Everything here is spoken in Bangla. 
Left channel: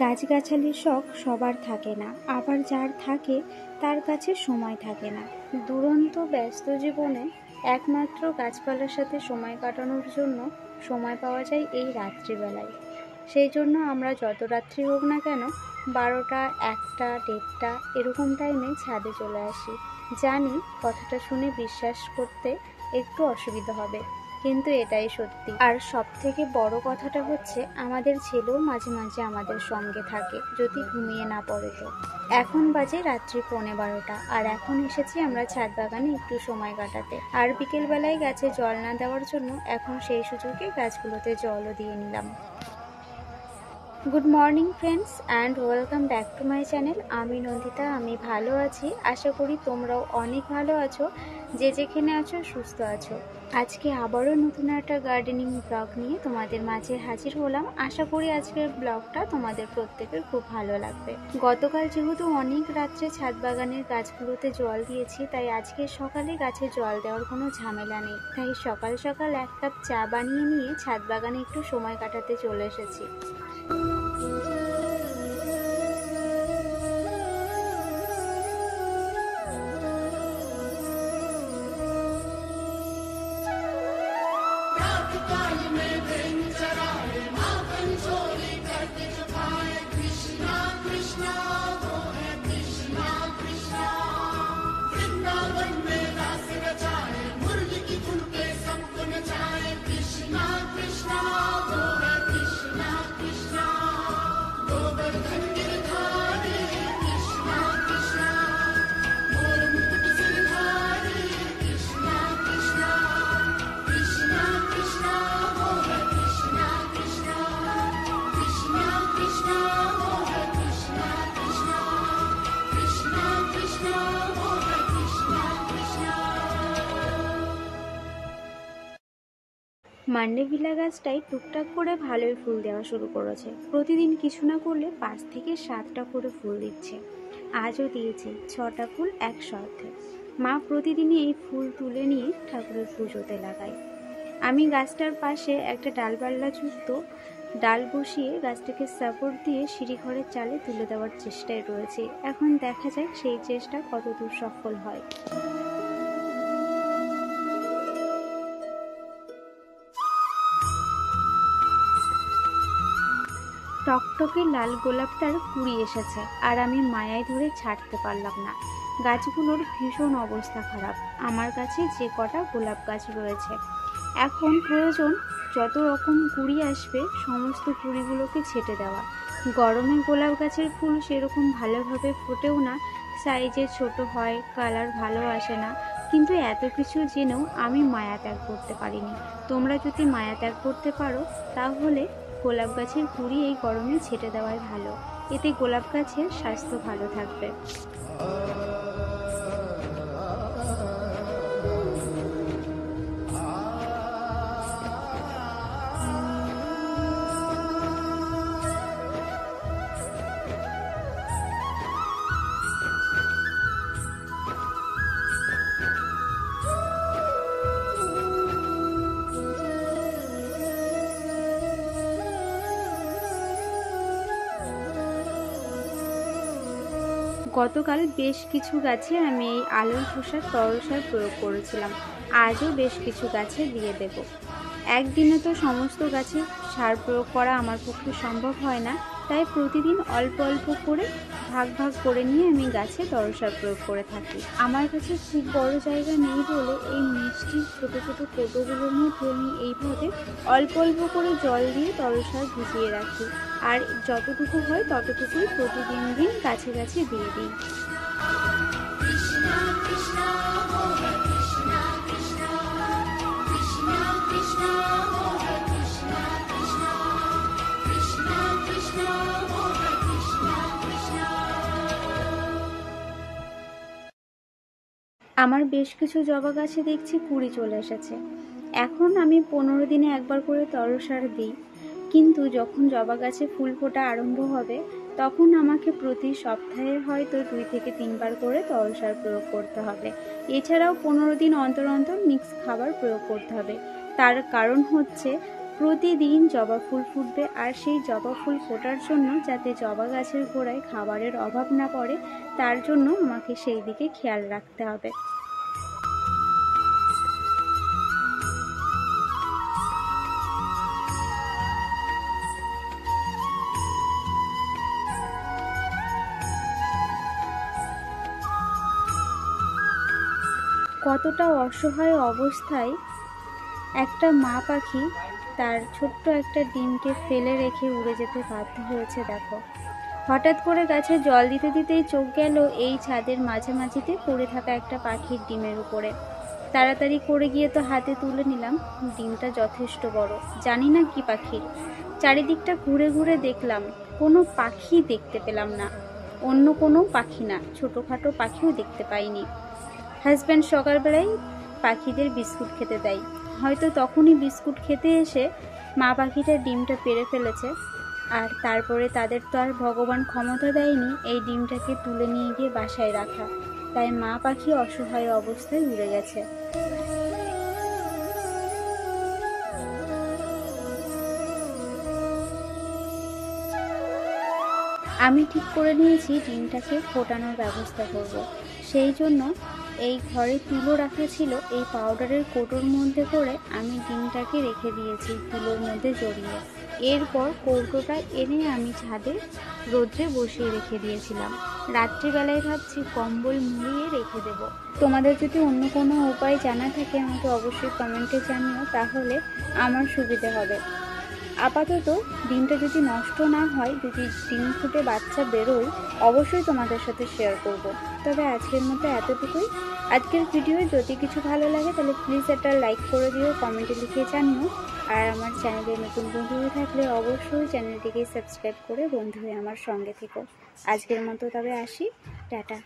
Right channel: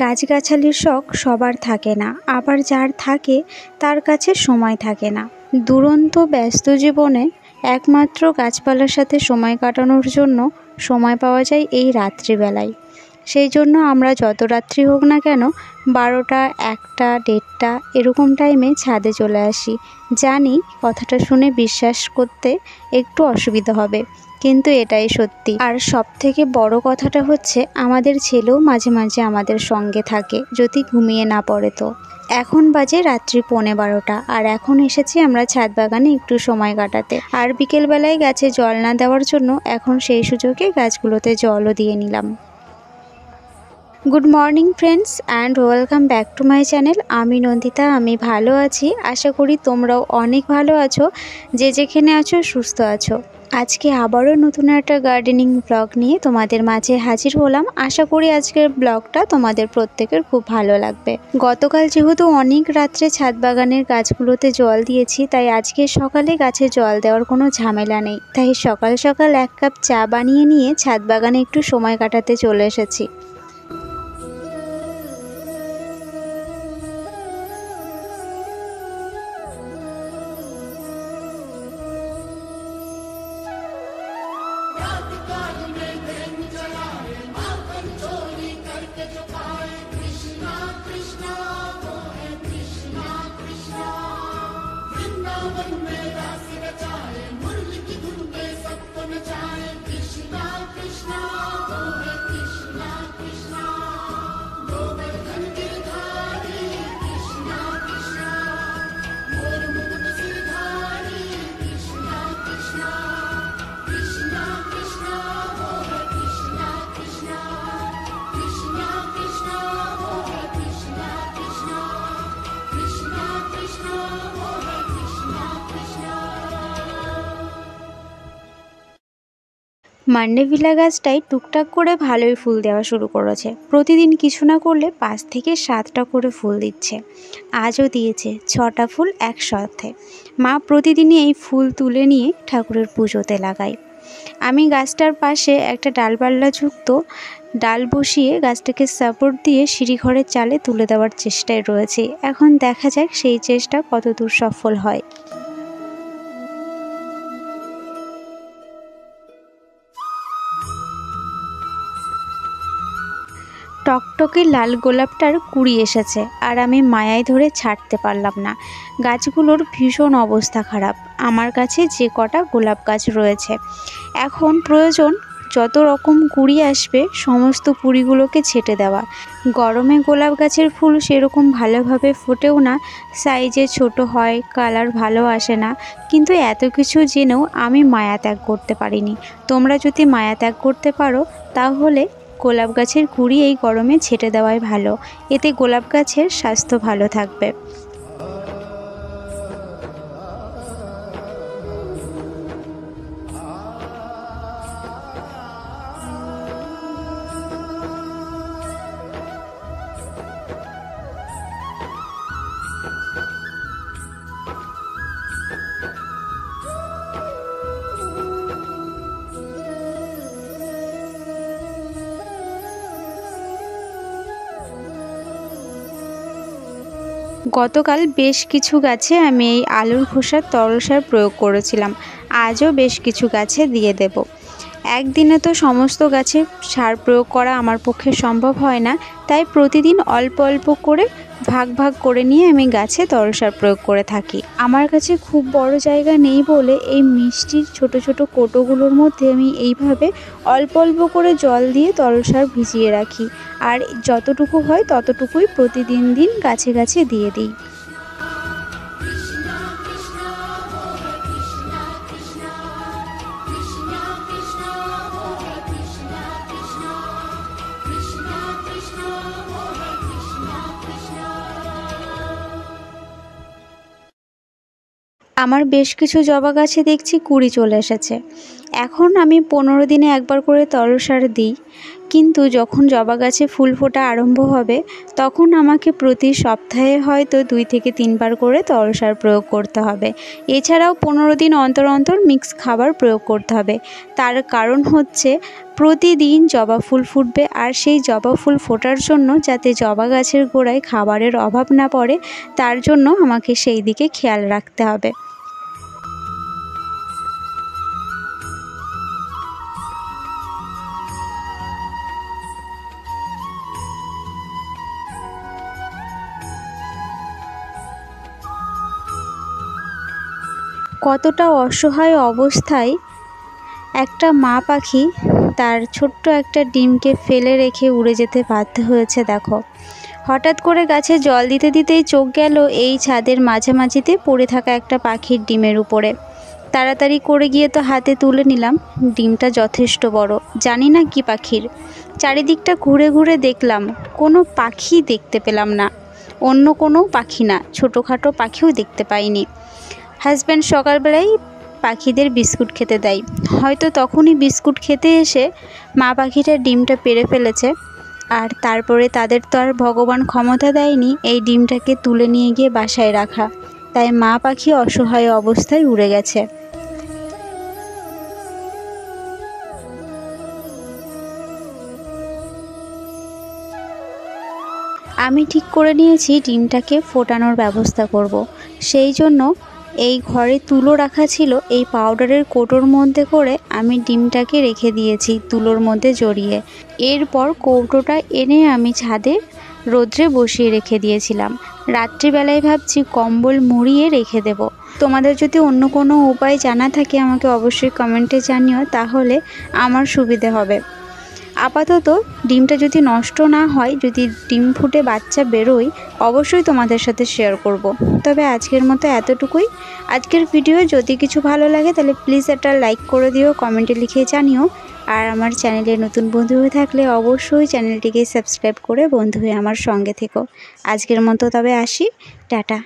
গাছগাছালির শখ সবার থাকে না, আবার যার থাকে তার কাছে সময় থাকে না। দুরন্ত ব্যস্ত জীবনে একমাত্র গাছপালার সাথে সময় কাটানোর জন্য সময় পাওয়া যায় এই রাত্রিবেলায়। সেই জন্য আমরা যত রাত্রি হোক না কেন 12টা, 1টা, 1:30 এরকম টাইমে ছাদে চলে আসি। জানি কথাটা শুনে বিশ্বাস করতে একটু অসুবিধা হবে, কিন্তু এটাই সত্যি। আর সবথেকে বড় কথাটা হচ্ছে আমাদের ছেলেও মাঝে মাঝে আমাদের সঙ্গে থাকে, যদি ঘুমিয়ে না পড়ে তো। এখন বাজে রাত্রি 11:15 আর এখন এসেছি আমরা ছাদ বাগানে একটু সময় কাটাতে। আর বিকেলবেলায় গাছে জল না দেওয়ার জন্য এখন সেই সুযোগে গাছগুলোতে জলও দিয়ে নিলাম। Good morning friends and welcome back to my channel. আমি নন্দিতা, আমি ভালো আছি। আশা করি তোমরাও অনেক ভালো আছো, যে যেখানে আছো সুস্থ আছো। আজকে আবারও নতুন একটা গার্ডেনিং ব্লগ নিয়ে তোমাদের মাঝে হাজির হলাম। আশা করি আজকের ব্লগটা তোমাদের প্রত্যেকের খুব ভালো লাগবে। গতকাল যেহেতু অনেক রাত্রে ছাদ বাগানের গাছগুলোতে জল দিয়েছি, তাই আজকে সকালে গাছে জল দেওয়ার কোনো ঝামেলা নেই। তাই সকাল সকাল 1 কাপ চা বানিয়ে নিয়ে ছাদ বাগানে একটু সময় কাটাতে চলে এসেছি। মান্ডেভিলা গাছটাই টুকটাক করে ভালোই ফুল দেওয়া শুরু করেছে। প্রতিদিন কিছু না করলে 5 থেকে 7টা করে ফুল দিচ্ছে। আজও দিয়েছে 6টা ফুল একসাথে। মা প্রতিদিনই এই ফুল তুলে নিয়ে ঠাকুরের পুজোতে লাগায়। আমি গাছটার পাশে একটা ডালপাল্লাযুক্ত ডাল বসিয়ে গাছটাকে সাপোর্ট দিয়ে সিঁড়িঘরের চালে তুলে দেওয়ার চেষ্টায় রয়েছে। এখন দেখা যাক সেই চেষ্টা কতদূর সফল হয়। টকটকে লাল গোলাপটার কুড়ি এসেছে, আর আমি মায়ায় ধরে ছাড়তে পারলাম না। গাছগুলোর ভীষণ অবস্থা খারাপ। আমার কাছে যে কটা গোলাপ গাছ রয়েছে, এখন প্রয়োজন যত রকম কুড়ি আসবে সমস্ত কুড়িগুলোকে ছেটে দেওয়া। গরমে গোলাপ গাছের ফুল সেরকম ভালোভাবে ফোটেও না, সাইজে ছোট হয়, কালার ভালো আসে না। কিন্তু এত কিছু জেনেও আমি মায়া ত্যাগ করতে পারিনি। তোমরা যদি মায়া ত্যাগ করতে পারো তাহলে গোলাপ গাছের কুড়ি এই গরমে ছেটে দেওয়াই ভালো। এতে গোলাপ গাছের স্বাস্থ্য ভালো থাকবে। গতকাল বেশ কিছু গাছে আমি এই আলুর খোসার তরল সার প্রয়োগ করেছিলাম। আজও বেশ কিছু গাছে দিয়ে দেব। একদিনে তো সমস্ত গাছে সার প্রয়োগ করা আমার পক্ষে সম্ভব হয় না, তাই প্রতিদিন অল্প অল্প করে ভাগ ভাগ করে নিয়ে আমি গাছে তরল সার প্রয়োগ করে থাকি। আমার কাছে খুব বড় জায়গা নেই বলে এই মিষ্টির ছোট ছোট কোটোগুলোর মধ্যে আমি এইভাবে অল্প অল্প করে জল দিয়ে তরল সার ভিজিয়ে রাখি, আর যতটুকু হয় ততটুকুই প্রতিদিন গাছে গাছে দিয়ে দিই। আমার বেশ কিছু জবা গাছে দেখছি কুড়ি চলে এসেছে। এখন আমি 15 দিনে একবার করে তরল সার দিই, কিন্তু যখন জবা গাছে ফুল ফোটা আরম্ভ হবে তখন আমাকে প্রতি সপ্তাহে হয়তো 2 থেকে 3 বার করে তরল সার প্রয়োগ করতে হবে। এছাড়াও 15 দিন অন্তর অন্তর মিক্স খাবার প্রয়োগ করতে হবে। তার কারণ হচ্ছে প্রতিদিন জবা ফুল ফুটবে, আর সেই জবা ফুল ফোটার জন্য যাতে জবা গাছের গোড়ায় খাবারের অভাব না পড়ে তার জন্য আমাকে সেই দিকে খেয়াল রাখতে হবে। কতটা অসহায় অবস্থায় একটা মা পাখি তার ছোট্ট একটা ডিমকে ফেলে রেখে উড়ে যেতে বাধ্য হয়েছে দেখো। হঠাৎ করে গাছে জল দিতে দিতেই চোখ গেল এই ছাদের মাঝামাঝিতে পড়ে থাকা একটা পাখির ডিমের উপরে। তাড়াতাড়ি করে গিয়ে তো হাতে তুলে নিলাম। ডিমটা যথেষ্ট বড়, জানি না কি পাখির। চারিদিকটা ঘুরে ঘুরে দেখলাম, কোনো পাখি দেখতে পেলাম না। অন্য কোনো পাখি না, ছোটোখাটো পাখিও দেখতে পাইনি। হাজব্যান্ড সকালবেলায় পাখিদের বিস্কুট খেতে দেয়, হয়তো তখনই বিস্কুট খেতে এসে মা পাখিটার ডিমটা পেড়ে ফেলেছে। আর তারপরে তাদের তো আর ভগবান ক্ষমতা দেয়নি এই ডিমটাকে তুলে নিয়ে গিয়ে বাসায় রাখা, তাই মা পাখি অসহায় অবস্থায় উড়ে গেছে। আমি ঠিক করে নিয়েছি ডিমটাকে ফোটানোর ব্যবস্থা করব। সেই জন্য এই ঘরে তুলো রাখা ছিল, এই পাউডারের কৌটোর মধ্যে করে আমি ডিমটাকে রেখে দিয়েছি তুলোর মধ্যে জড়িয়ে। এরপর কৌটোটা এনে আমি ছাদে রোদ্রে বসিয়ে রেখে দিয়েছিলাম। রাত্রিবেলায় ভাবছি কম্বল মুড়িয়ে রেখে দেব। তোমাদের যদি অন্য কোনো উপায় জানা থাকে আমাকে অবশ্যই কমেন্টে জানিও, তাহলে আমার সুবিধে হবে। আপাতত ডিমটা যদি নষ্ট না হয়, যদি ডিম ফুটে বাচ্চা বেরোয় অবশ্যই তোমাদের সাথে শেয়ার করব। তবে আজকের মতো এতটুকুই। আজকের ভিডিও যদি কিছু ভালো লাগে তাহলে প্লিজ একটা লাইক করে দিও, কমেন্টে লিখে জানিও। আর আমার চ্যানেলে নতুন বন্ধু হয়ে থাকলে অবশ্যই চ্যানেলটিকে সাবস্ক্রাইব করে বন্ধু হয়ে আমার সঙ্গে থেকো। আজকের মতো তবে আসি, টাটা।